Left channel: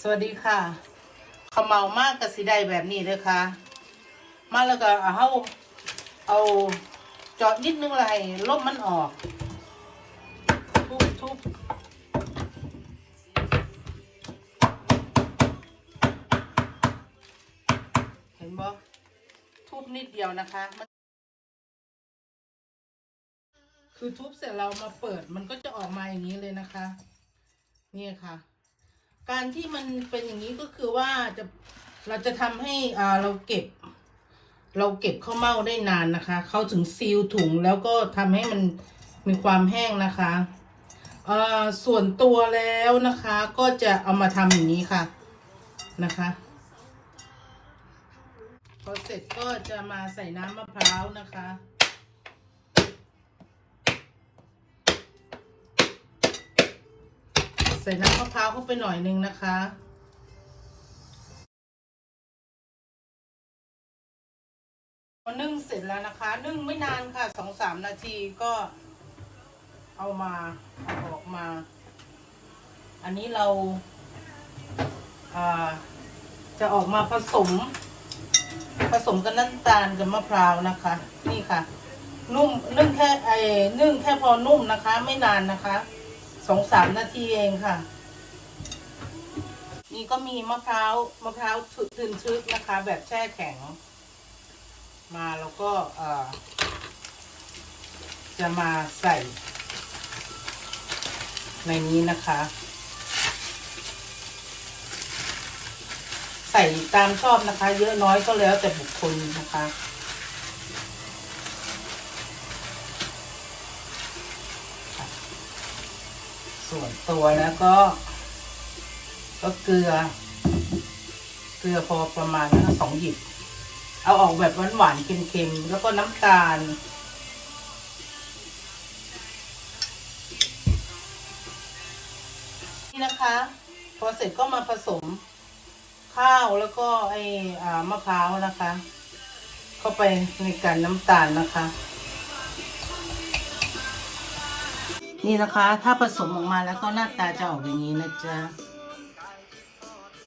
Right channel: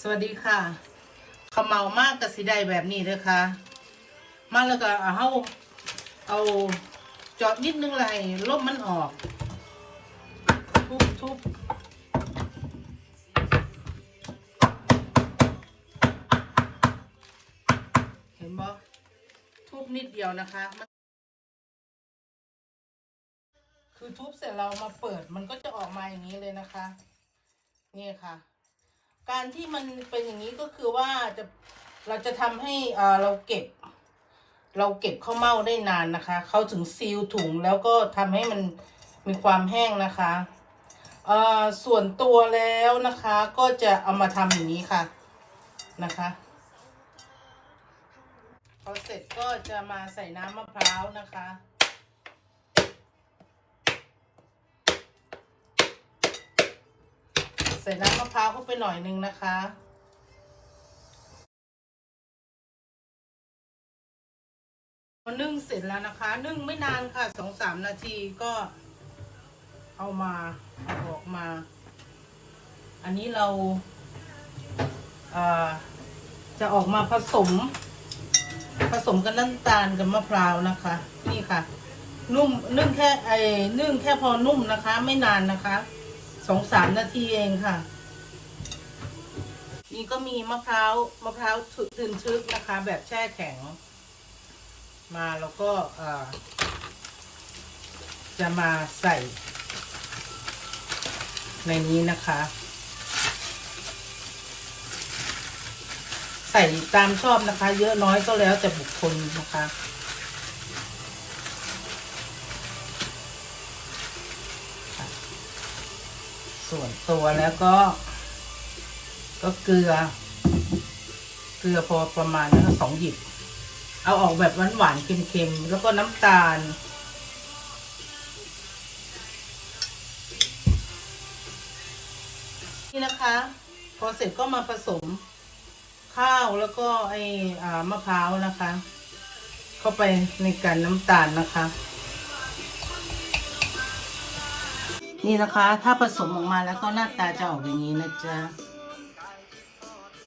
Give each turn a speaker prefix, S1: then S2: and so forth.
S1: สวัสดีค่ะขาเมามากกับสีได้แบบนี้เลยค่ะ มาแล้วก็เอาเอาเอาจาะนิดนึงเลยลมมันออก ทุบทุบเห็นบ่ทุบนิดเดียวนะคะมันคือทุบเสร็จเรามาเปิดมันก็จะออกมาอย่างนี้เลยนะคะ นี่ค่ะ การที่มันเป็นอย่างนี้ก็คือว่าจะเราจะทำให้อ่าเราเก็บ เราเก็บข้าวเม่าได้นานนะคะเขาถึงซีลถุงแล้วก็ทำให้มันมีความแห้งนะคะเอ่อส่วนตัวแล้วนะคะ ก็จะเอามาทำอย่างนี้ค่ะนะคะพอเสร็จก็จะมาใส่น้ำมะพร้าวนะคะ ใส่น้ำมะพร้าวเข้าไปหน่อยนึงนะคะพอนึ่งเสร็จแล้วนะคะ นึ่งไม่นานค่ะสองสามนาทีก็เอามาเอาออกมา อันนี้เราาจะออกมาผสม ผสมกับน้ำตาลกับมะพร้าวนะคะ นี่ค่ะ นุ่มนึ่งแค่ไอ้นึ่งแค่พอนุ่มนะคะ ไม่นานนะคะ สองสามนาทีเองค่ะ นี่ก็มีมะพร้าวมะพร้าวถึนทึกนะคะ แบบแช่แข็ง มาแล้วก็จะมาใส่ ในนี้นะคะ ใส่ตามชอบนะคะ เยอะน้อยก็แล้วแต่บุคคลนะคะ ส่วนตัวแล้วก็ ก็เกลือ เกลือพอประมาณนะคะสองหยิบ เอาออกแบบหวานๆเค็มๆ แล้วก็น้ำตาล นี่นะคะ พอเสร็จก็มาผสมข้าวแล้วก็ไอ้อมะพร้าวนะคะ เข้าไปในการน้ำตาลนะคะ นี่นะคะ ถ้าผสมออกมาแล้วก็หน้าตาจะออกอย่างนี้นะจ๊ะ